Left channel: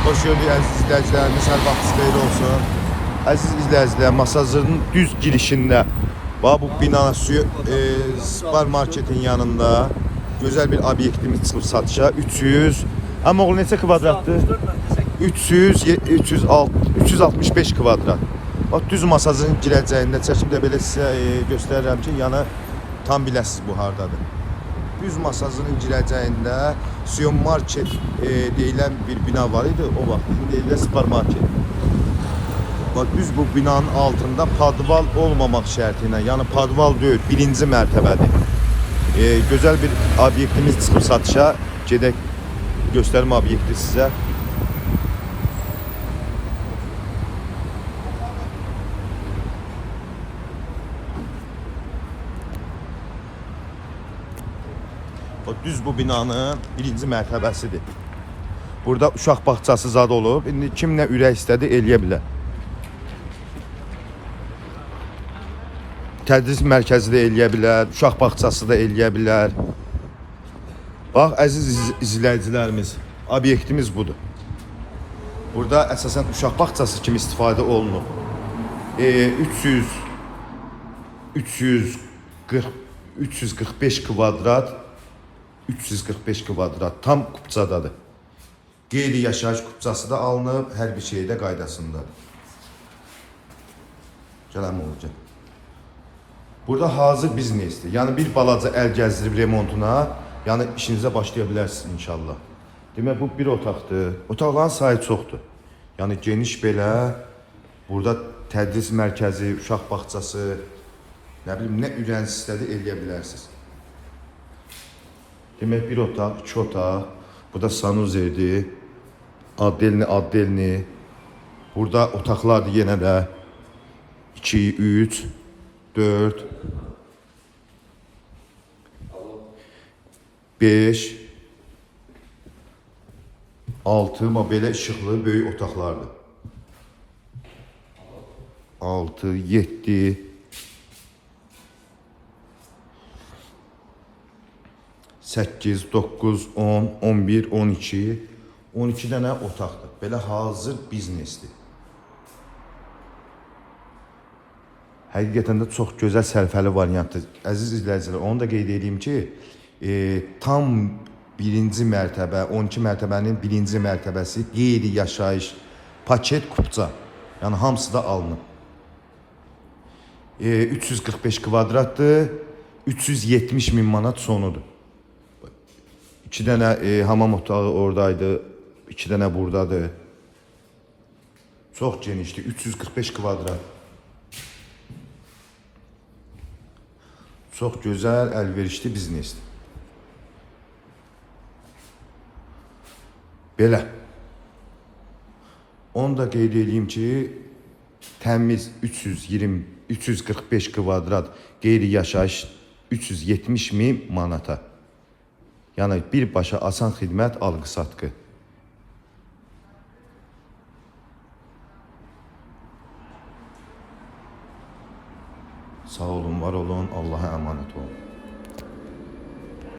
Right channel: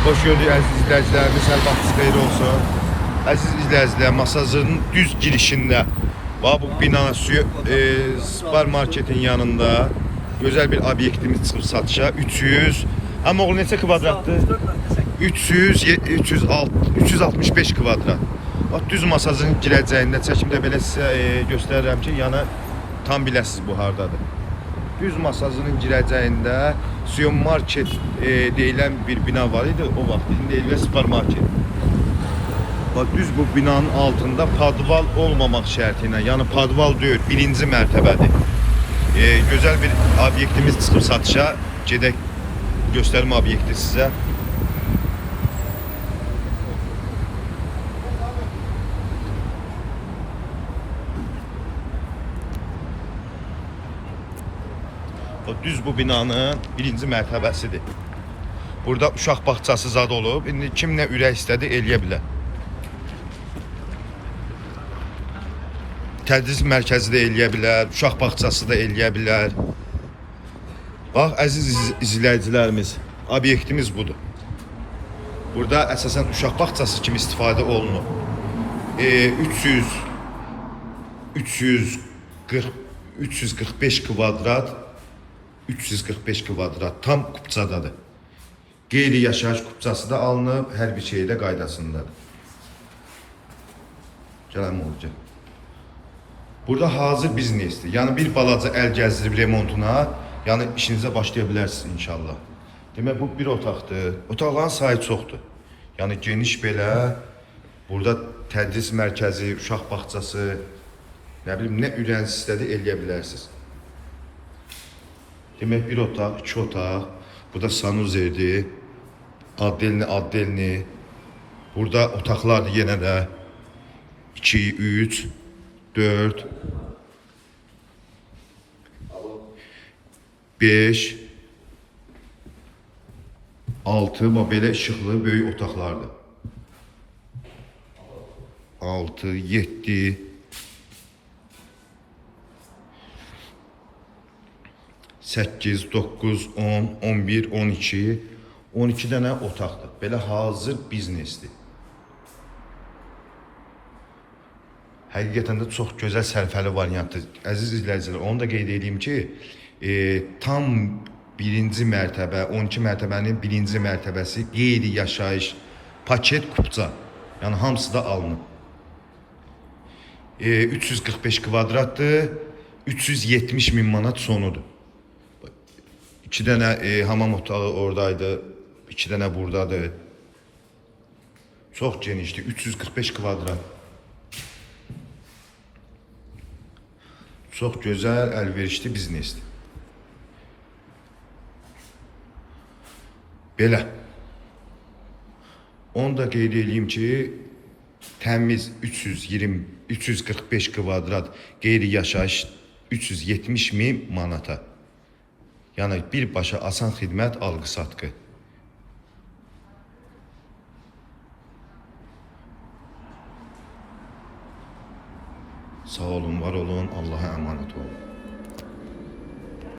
Hoş gördük əziz izləyicilərimiz, hər vaxtınız xeyir olsun. Əziz izləyicilər, Masazırın düz girişində bu bina supermarketin yanında gözəl bir obyektimiz çıxıb satışa. 300, amma oğul neçə kvadratdır? 365 kvadrat. Bax, düz Masazırın girəcəyində çəkimdə belə sizə göstərirəm ki, yəni tam biləsiniz bu hardadır. Düz Masazırın girəcəyində supermarket deyilən bir bina var idi o vaxt. İndi deyilən supermarket. Bax, düz bu binanın altında padval olmamaq şərti ilə, yəni padval deyil, birinci mərtəbədir. Gözəl bir obyektimiz çıxıb satışa. Gedək göstərim obyekti sizə. Düz bu binanın birinci mərtəbəsidir. Burada uşaq bağçası zad olub. İndi kim nə ürək istədi eləyə bilər. Tədris mərkəzi də eləyə bilər, uşaq bağçası da eləyə bilər. Bax, əziz izləyicilərimiz, obyektimiz budur. Burada əsasən uşaq bağçası kimi istifadə olunur. 345 kvadrat 345 kvadrat tam kupçadadır. Qeyri-yaşayış kupçası da alınıb, hər bir şey də qaydasındadır. Gələm olacaq. Burada hazır biznesdir. Yəni bir balaca əl gəzdirib remontuna, yəni işinizə başlaya bilərsiniz inşallah. Demək, bu bir otaqdır. Otaqların sayı çoxdur. Yəni geniş belə, burada tədris mərkəzi, uşaq bağçası, nə bilim, nə ürəyiniz istədi eləyə bilərsiniz. Demək, bir otaq, iki otaq, burada sanuzerdir, addelni. Burada otaqlardır yenə də 2, 3, 4, 5, 6, belə işıqlı böyük otaqlardır. 6, 7, 8, 9, 10, 11, 12, 12 dənə otaqdır. Belə hazır biznesdir. Həqiqətən də çox gözəl sərfəli variantdır. Əziz izləyicilər, onu da qeyd edeyim ki, tam birinci mərtəbə, 12 mərtəbənin birinci mərtəbəsi qeyri-yaşayış, paket kupça. Yəni hamısı da alınıb. 345 kvadratdır, 370 min manat sonudur. 2 dənə hamam otağı oradaydı, 2 dənə buradadır. Çox genişdir, 345 kvadrat. Çox gözəl, əlverişli biznesdir. Belə. Onu da qeyd edeyim ki, təmiz 345 kvadrat qeyri-yaşayış 370 min manata. Yəni birbaşa asan xidmət, alqı-satqı. Sağ olun, var olun, Allah'a emanet olun.